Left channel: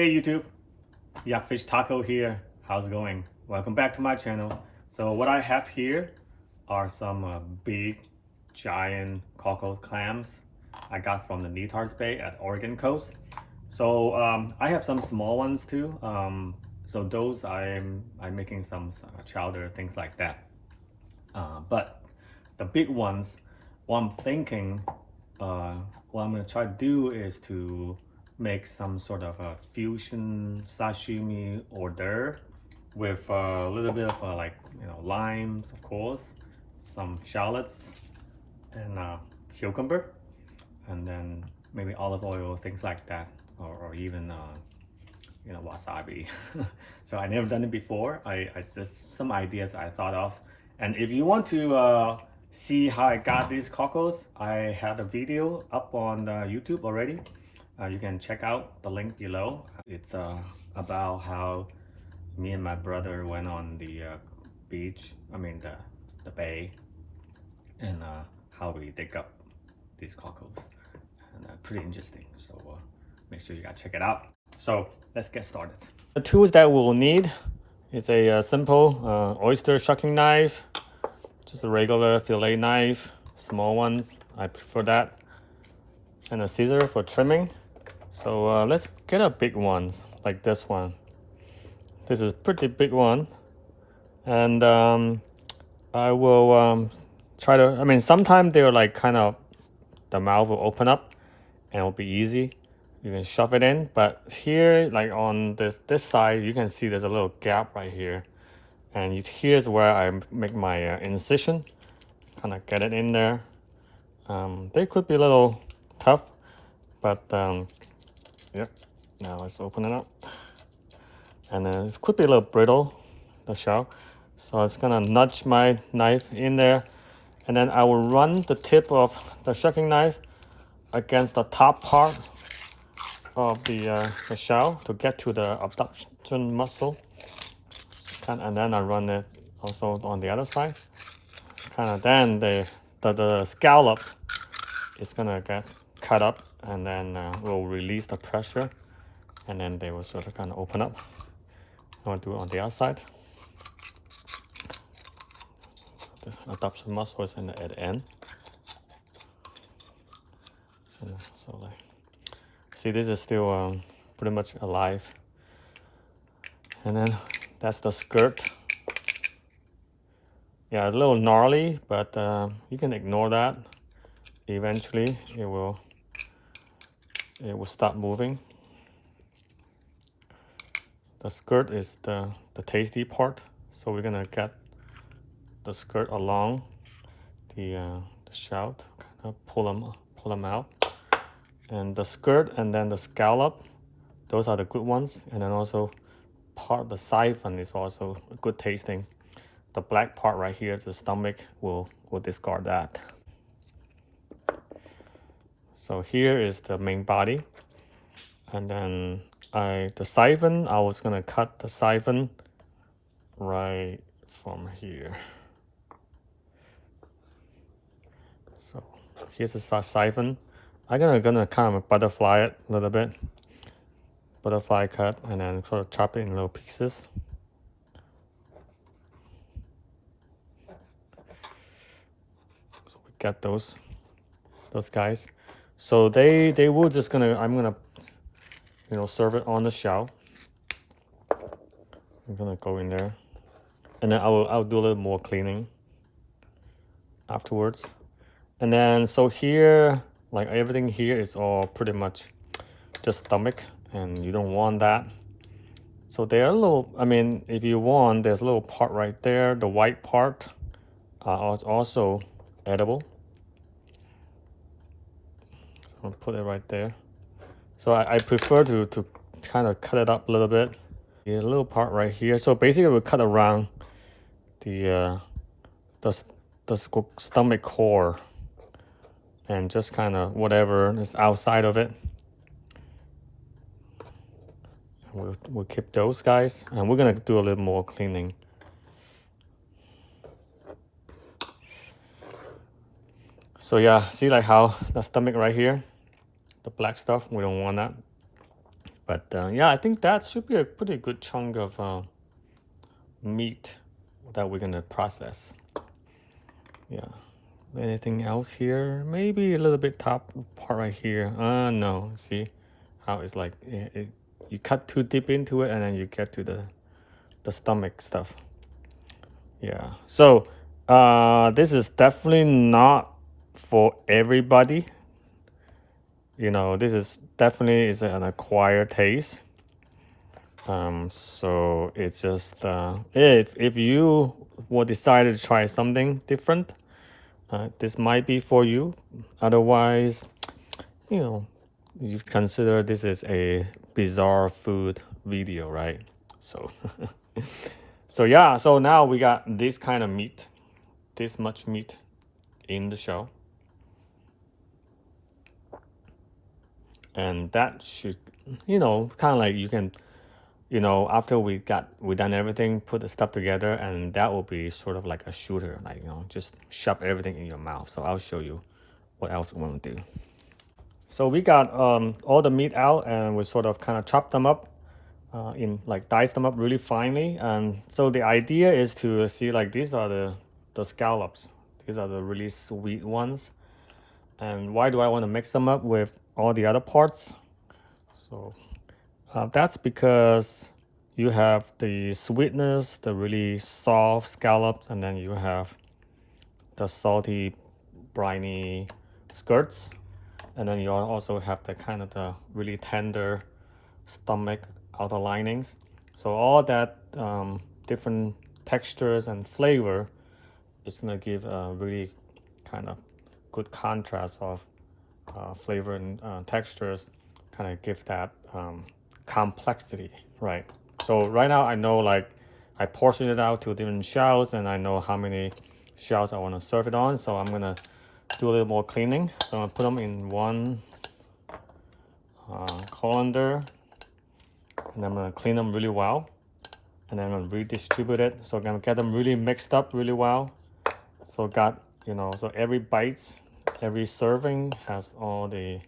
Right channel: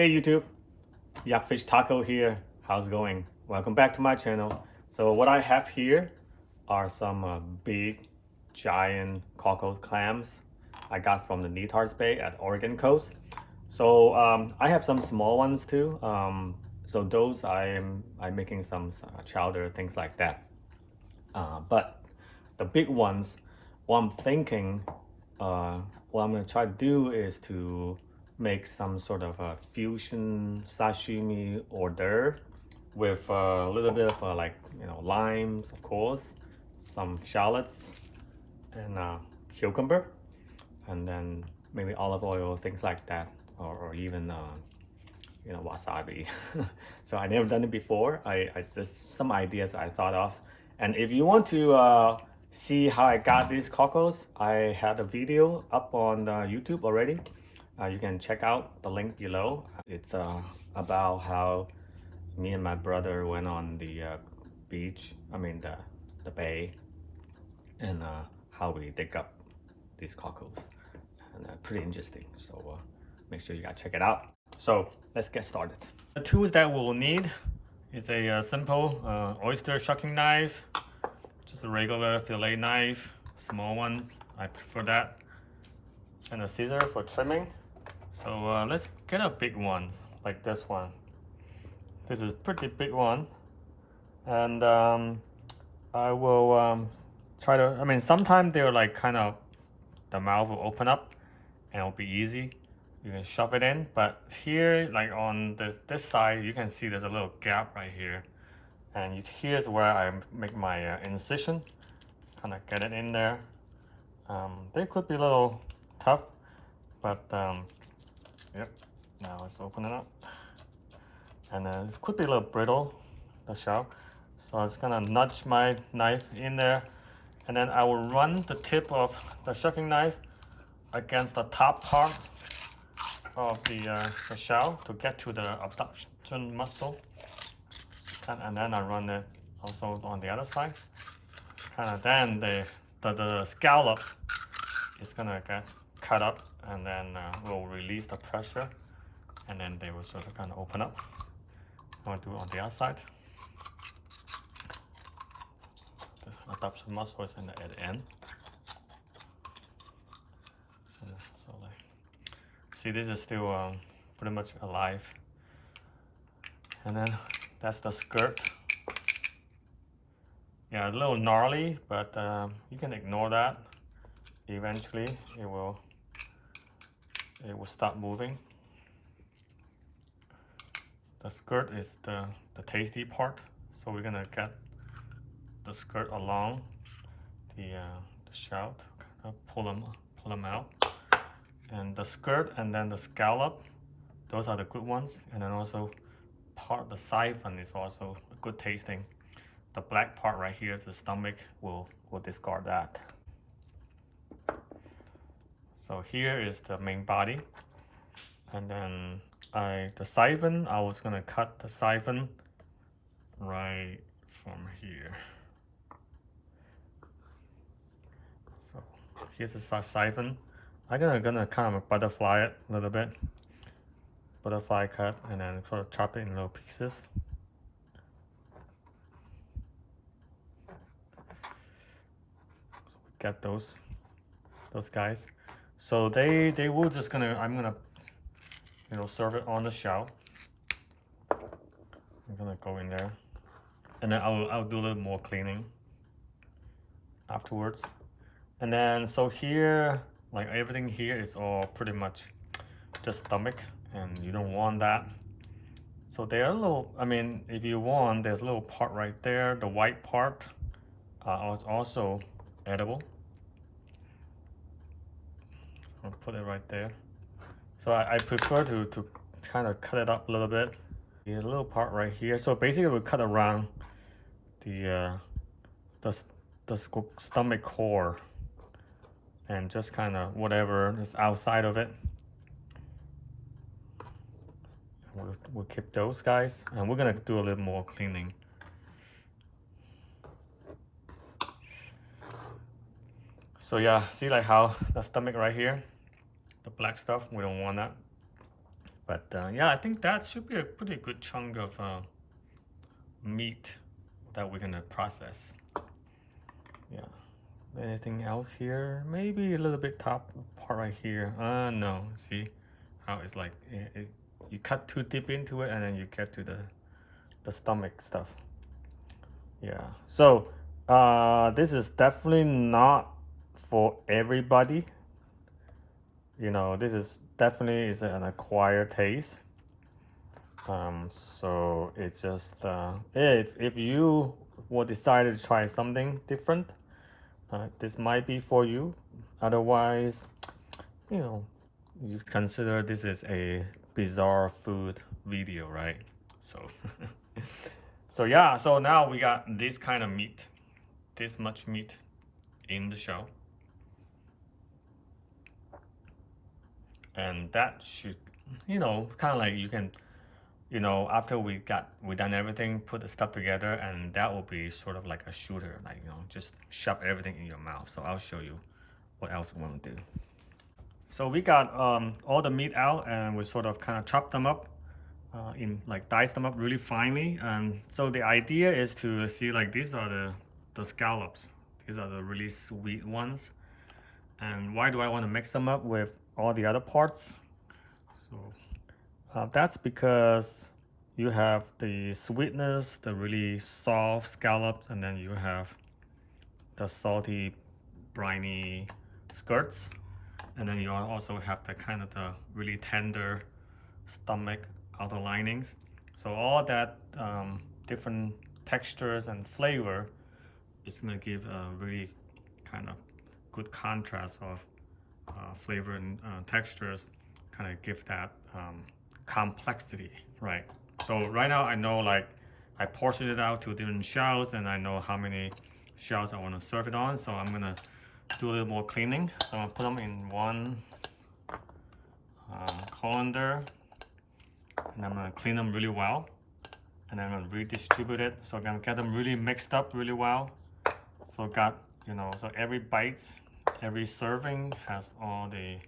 Hey YouTube, yeah, Fish Taco here. How's it going? Welcome back to my channel. So what I have here are some big, giant Cockles clams I got from the Netar's Bay at Oregon coast. So I have some small ones too. So those I'm making some chowder, things like that. But the big ones, what I'm thinking, what I'm gonna try to do is to make some sort of a fusion sashimi hors d'oeuvre with a little bit of like limes, of course, some shallots, and cucumber, and then maybe olive oil, things like that, or even wasabi. So I never done it before. I just some ideas I thought of. And if you want to see how I got these cockles, I had a video up on YouTube already. You can check out the link below. It's about how me and my brother went on the beach, the bay, and how we dig up these cockles. And pretty interesting. So make sure you guys check it out. So let's get started. The tools that we'll need is a simple oyster shucking knife, just a regular fillet knife, small ones, I prefer that, and a scissor for trimming. So let's get a big one, like this one. This is a pretty big one, and I will try to, sometimes they're like kind of, the mouth will open up and it'll be easy. You can shove it in, but here, like on this side, you can see there's a little gap right here, and here's where I make my incision. Kind of get it in there. They could be a little tough, but yeah. Now let's open it up, and then it could be a little brittle, the shell. So it's gonna nudge my knife in there, and then I will run the tip of the shucking knife against the top part of the shell to get to the abduction muscle, and then I run it also on the other side. Then the scallop is gonna get cut up, and then we'll release the pressure, and then they will sort of kind of open up. I'll do it on the other side. The abduction muscle is at the end. So like, see, this is still pretty much alive. And then that's the skirt. Yeah, a little gnarly, but you can ignore that. Eventually, it will start moving. The skirt is the tasty part, so we're gonna get the skirt along the shout, kind of pull them out. And the skirt and then the scallop, those are the good ones. And then also part of the siphon is also good tasting. The black part right here, the stomach, we'll discard that. So here is the main body, and then the siphon, I was gonna cut the siphon right from here. So here's the siphon. I'm gonna kind of butterfly it a little bit, butterfly cut, and then sort of chop it in little pieces. So we got those guys. So they will just I'm gonna serve it on the shell. I'm gonna go in there, and then I'll do a little more cleaning afterwards. And then so here, like everything here is all pretty much just stomach, and you don't want that. So they're a little, if you want, there's a little part right there, the white part is also edible. So I'll put it right there. So I prefer to kind of cut it up a little bit. A little part right here. So basically we'll cut around the stomach core, and just kind of whatever is outside of it. We'll keep those guys, and we're gonna do a little more cleaning. So yeah, see like how the stomach right here, the black stuff, we don't want that. But yeah, I think that should be a pretty good chunk of meat that we're gonna process. Yeah. Anything else here? Maybe a little bit top part right here. No. See how it's like you cut too deep into it and then you get to the stomach stuff. Yeah. So this is definitely not for everybody. You know, this is definitely is an acquired taste. So it's just if you will decide to try something different, this might be for you. Otherwise, you know, you consider this is a bizarre food video, right? So so yeah, so now we got this kind of meat, this much meat in the shell, and that should, you know, kind of like you can, you know, after we done everything, put the stuff together, and that will be sort of like a shooter, like, you know, just shove everything in your mouth. So I'll show you what else we want to do. So we got all the meat out, and we sort of kind of chop them up in like dice them up really finely. And so the idea is to see like these are the scallops. These are the really sweet ones. And why do I want to mix them up with all the other parts? So that's because you have the sweetness, the really soft scallops, and then you have the salty, briny skirts. And then you also have the kind of the really tender stomach outer linings. So all that different textures and flavor is gonna give a really kind of good contrast of flavor and textures, kind of give that complexity, right? So right now I know, like, I portioned it out to different shells, and I know how many shells I want to serve it on. So I'm gonna do a little more cleaning. So I'm gonna put them in one colander, and I'm gonna clean them really well, and then I'm gonna redistribute it. So I'm gonna get them really mixed up really well. So got, you know, so every bite, every serving has all the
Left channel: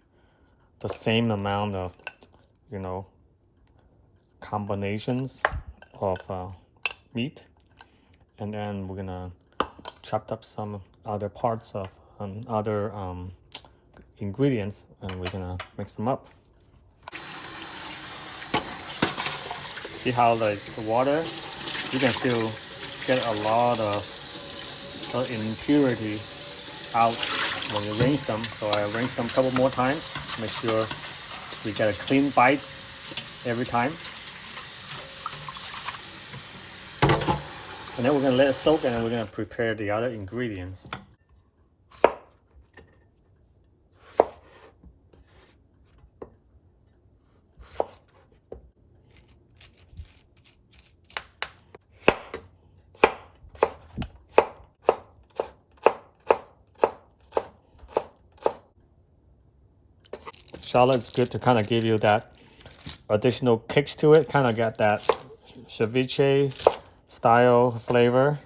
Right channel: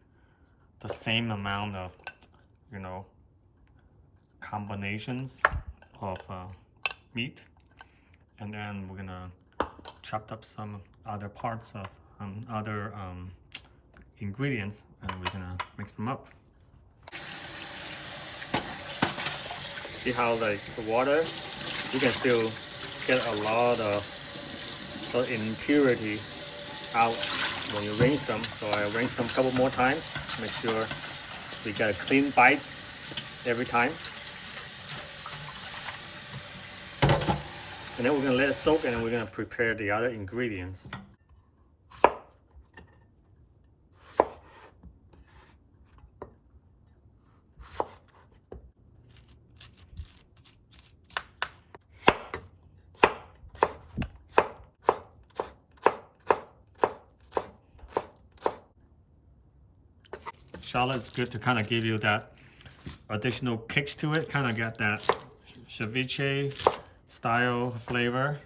same amount of, you know, combinations of meat. And then we're gonna chop up some other parts of other ingredients, and we're gonna mix them up. See how like the water, you can still get a lot of impurity out when you rinse them. So I rinse them a couple more times, make sure you get a clean bites every time. And then we're gonna let it soak, and we're gonna prepare the other ingredients. Shallot is good to kind of give you that additional kicks to it, kind of got that ceviche style flavor.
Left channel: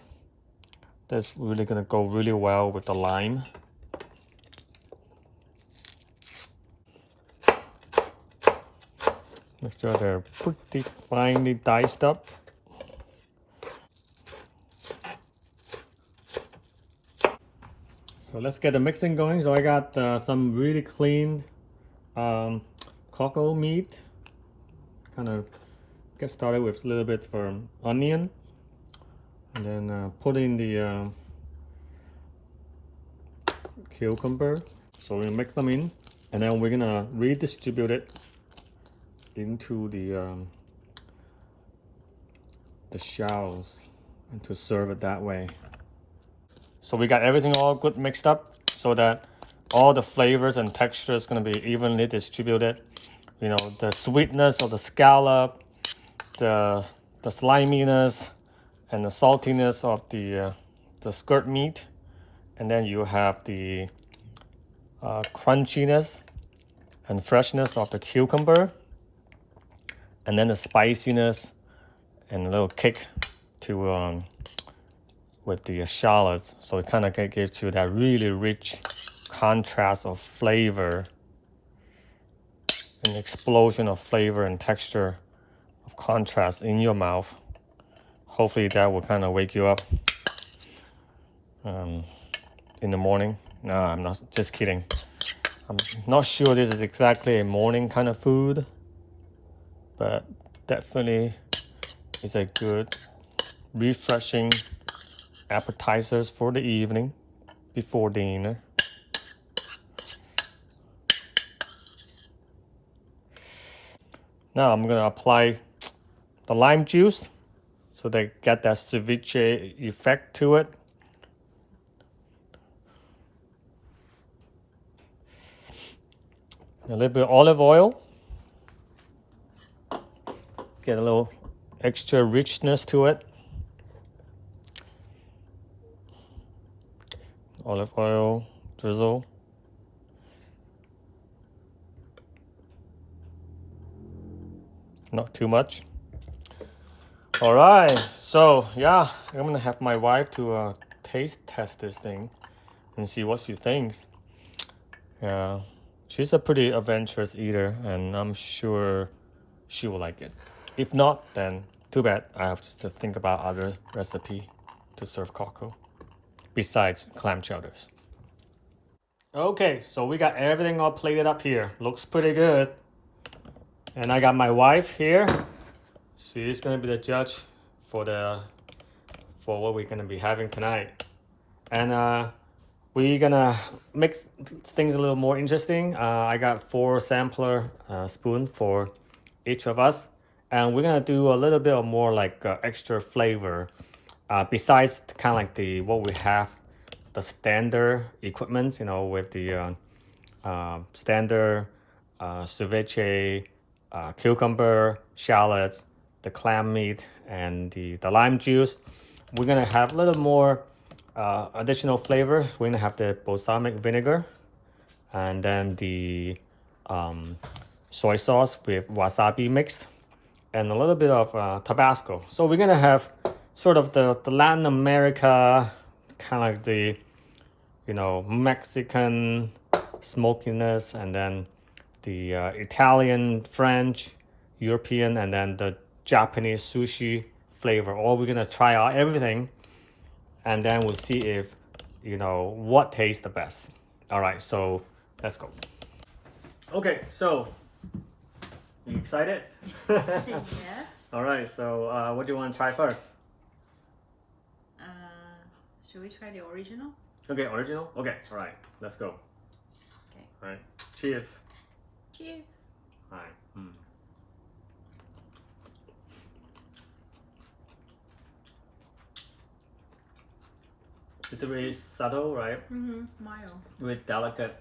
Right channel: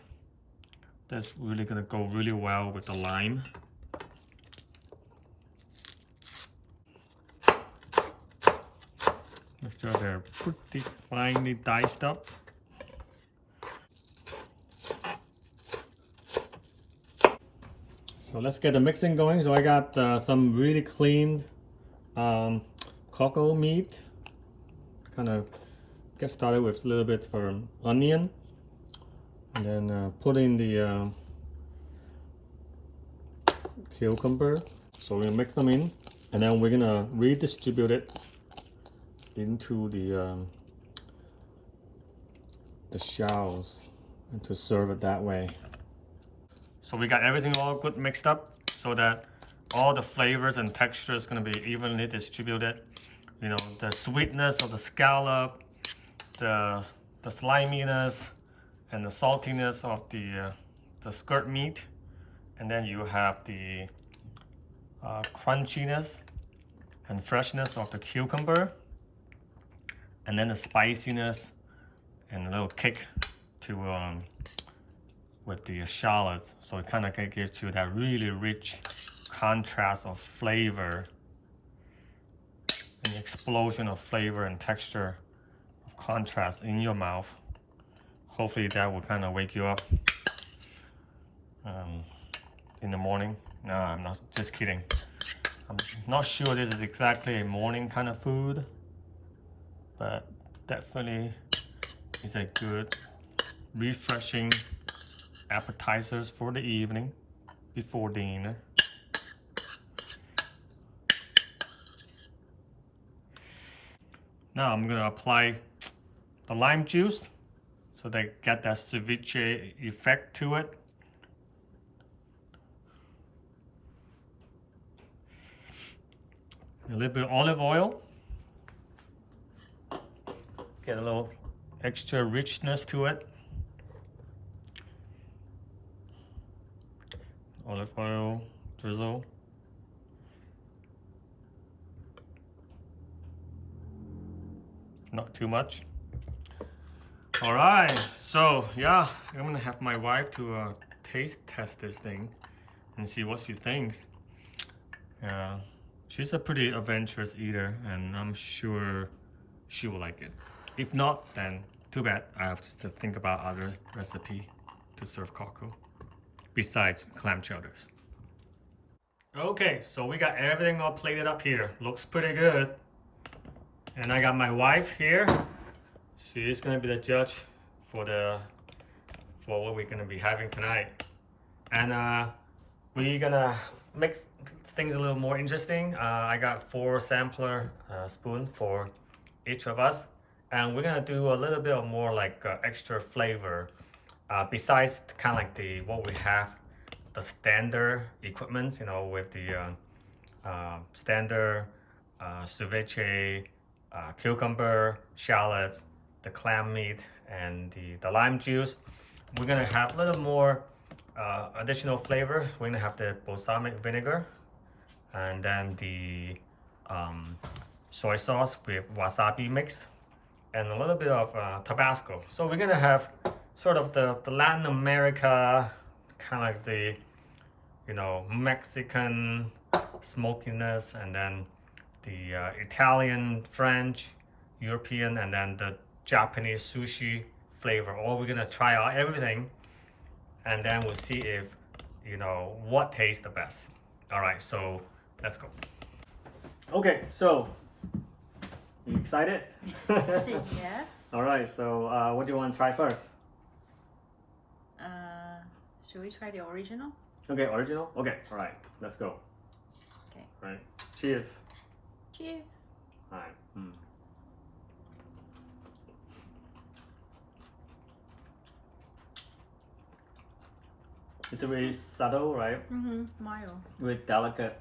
That's really gonna go really well with the lime. Make sure they're pretty finely diced up. So let's get the mixing going. So I got some really clean cockle meat. Kind of get started with a little bit for onion, and then put in the cucumber. So we're gonna mix them in, and then we're gonna redistribute it into the shells, and to serve it that way. So we got everything all good mixed up, so that all the flavors and textures gonna be evenly distributed. You know, the sweetness of the scallop, the sliminess, and the saltiness of the skirt meat, and then you have the crunchiness and freshness of the cucumber, and then the spiciness and a little kick to with the shallots. So it kind of gives you that really rich contrast of flavor. an explosion of flavor and texture of contrast in your mouth. Hopefully that will kind of wake you up in the morning. No, I'm not, just kidding. I'm not sure this is exactly a morning kind of food, but definitely it's a good, refreshing appetizers for the evening before dinner. Now I'm gonna apply the lime juice so they get that ceviche effect to it. A little bit of olive oil. Get a little extra richness to it. Olive oil drizzle. Not too much. All right, so yeah, I'm gonna have my wife to taste test this thing and see what she thinks. Yeah, she's a pretty adventurous eater, and I'm sure she will like it. If not, then too bad. I have to think about other recipe to serve cockle besides clam chowders. Okay, so we got everything all plated up here. Looks pretty good. And I got my wife here. She's gonna be the judge for what we're gonna be having tonight. And we're gonna mix things a little more interesting. I got 4 sampler spoons for each of us, and we're gonna do a little bit of more like extra flavor. Besides kind of like what we have, the standard equipment, you know, with the standard ceviche, cucumber, shallots, the clam meat, and the lime juice. We're gonna have a little more additional flavors. We're gonna have the balsamic vinegar, and then the soy sauce with wasabi mixed, and a little bit of Tabasco. So we're gonna have sort of the Latin America, kind of like the, you know, Mexican smokiness, and then the Italian, French, European, and then the Japanese sushi flavor. All we're gonna try out everything, and then we'll see if, you know, what tastes the best. All right, so let's go. Okay, so you excited? Yes. All right, so what do you want to try first? Should we try the original? Okay, original? Okay, all right, let's go. Okay. All right, cheers. Cheers. All right. It's very subtle, right? Mm-hmm. Mild. Very delicate,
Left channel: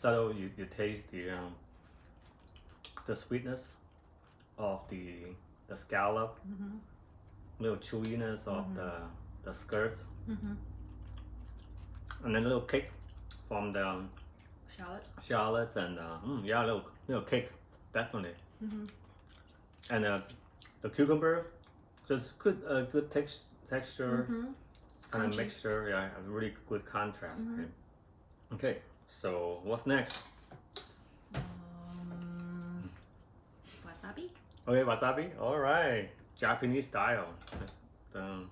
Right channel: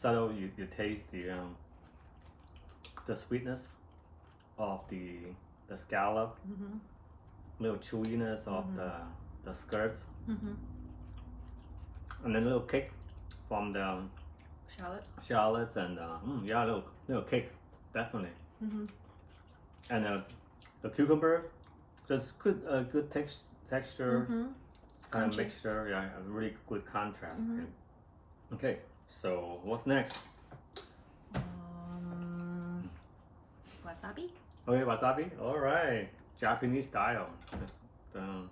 subtle. You taste the sweetness of the scallop, little chewiness of the skirts, and then a little kick from the shallots, and yeah, little kick, definitely. And the cucumber, just good texture. Kind of mixture, yeah, a really good contrast. Okay, so what's next? Wasabi. Okay, wasabi. All right, Japanese style. Let's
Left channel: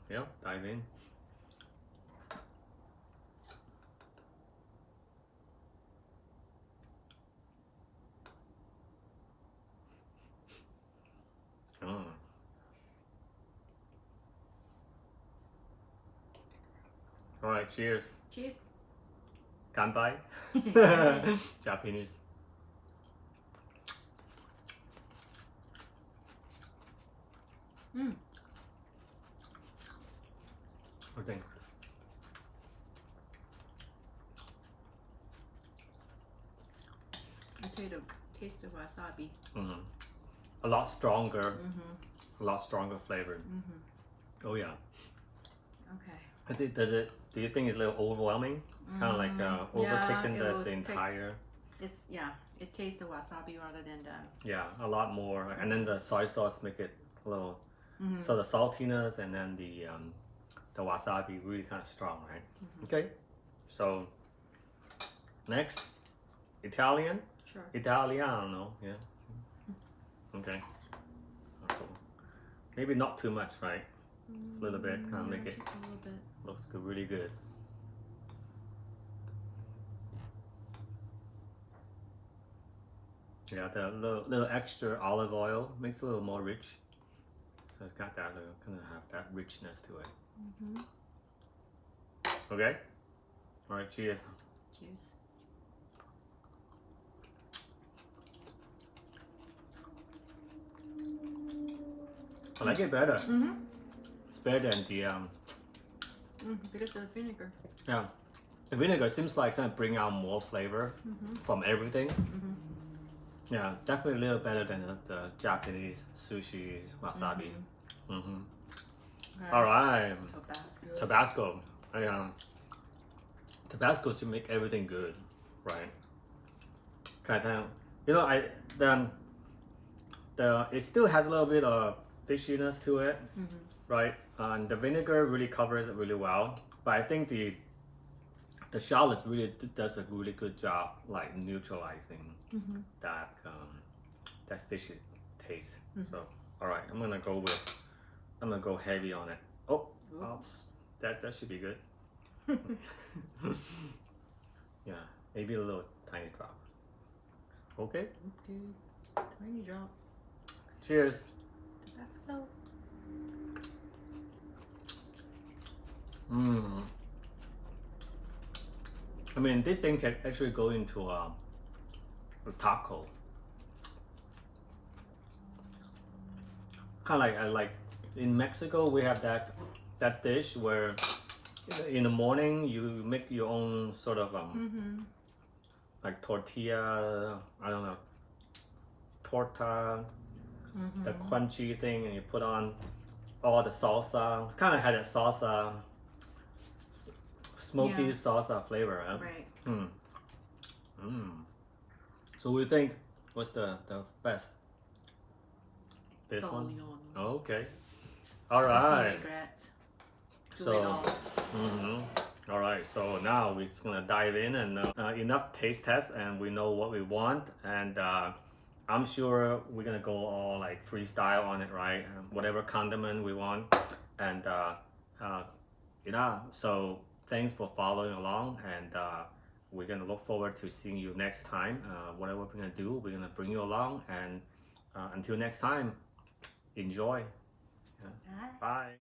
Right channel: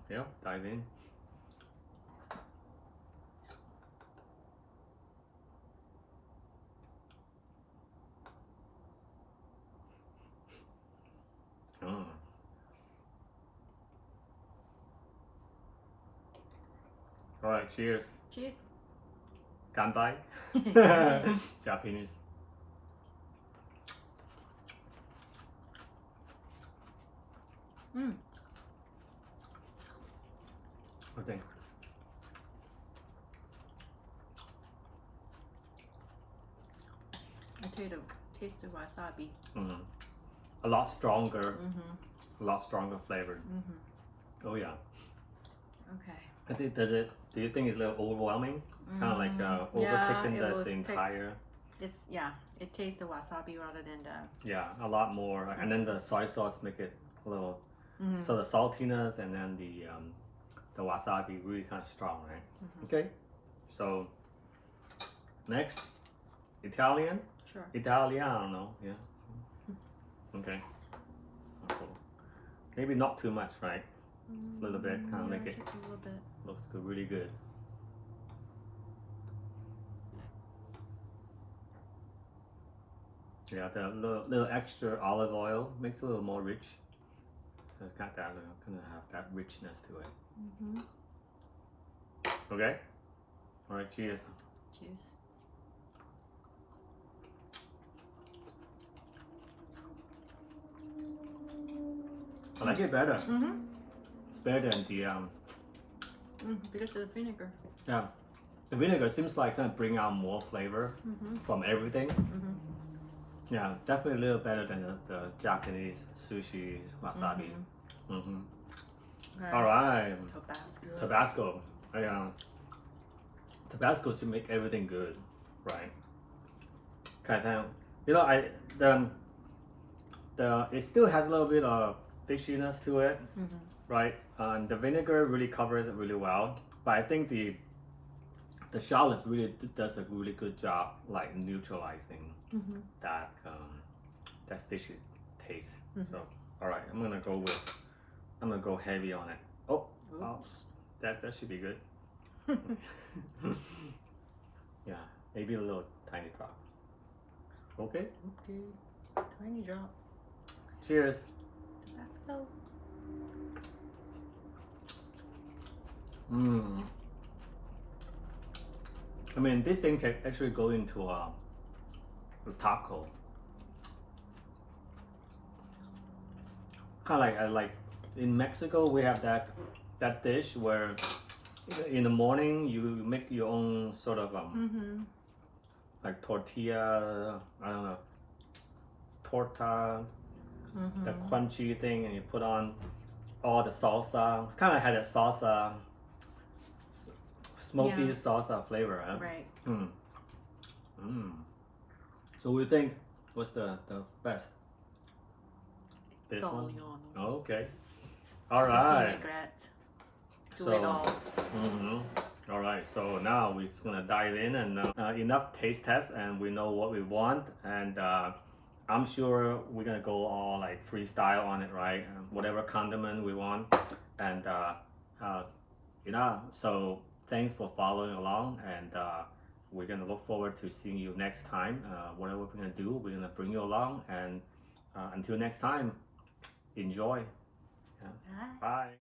yeah, dive in. Oh. All right, cheers. Cheers. Kanpai. Japanese. Okay. I taste the wasabi. A lot stronger. A lot stronger flavored. Oh yeah. Okay. I think do you think it's a little overwhelming? Kind of like overtaking the entire. It tastes the wasabi rather than the. Yeah, a lot more, and then the soy sauce make it a little. So the saltiness and then the wasabi really kind of strong, right? Okay, so next, Italian. Sure. Italiano, yeah. Okay. Cool. Maybe not too much, right? Just a little bit, kind of make it just a little bit. looks good, really good. Yeah, the little extra olive oil makes it a little more rich. So it's got that kind of have that richness to it. Okay. All right. Cheers. Cheers. I like it better. It's better than the Because of the vinegar. yeah. The vinegar seems like kind of bring out more flavor from everything. Yeah, definitely a little better than the Japanese sushi wasabi. All right. Tabasco. Tabasco. Yeah. Tabasco should make everything good, right? Kind of, you know, it still has a little bit of fishiness to it, right? And the vinegar really covers it really well. But I think the shallot really does a really good job, like neutralizing that that fishy taste. So, all right, I'm gonna go heavy on it. Oh, that should be good. Yeah, maybe a little tiny drop. Okay. Okay. Tiny drop. Cheers. Tabasco. I mean, this thing can actually go into a taco. Kind of like in Mexico, we have that dish where in the morning you make your own sort of like tortilla. I don't know, torta, the crunchy thing, and you put on all the salsa. It's kind of had that salsa, smoky salsa flavor, huh? Right. So we think what's the best? This one? Italiano. Okay. All right. Vinaigrette. Do So, it all. All right. So now we're just gonna dive in and enough taste test, and we know what we want, and I'm sure we're gonna go all like freestyle on it, right? Whatever condiment we want, and So thanks for following along, and we're gonna look forward to seeing you next time. Whatever we're gonna do, we're gonna bring you along, and until next time, enjoy. Bye. Bye.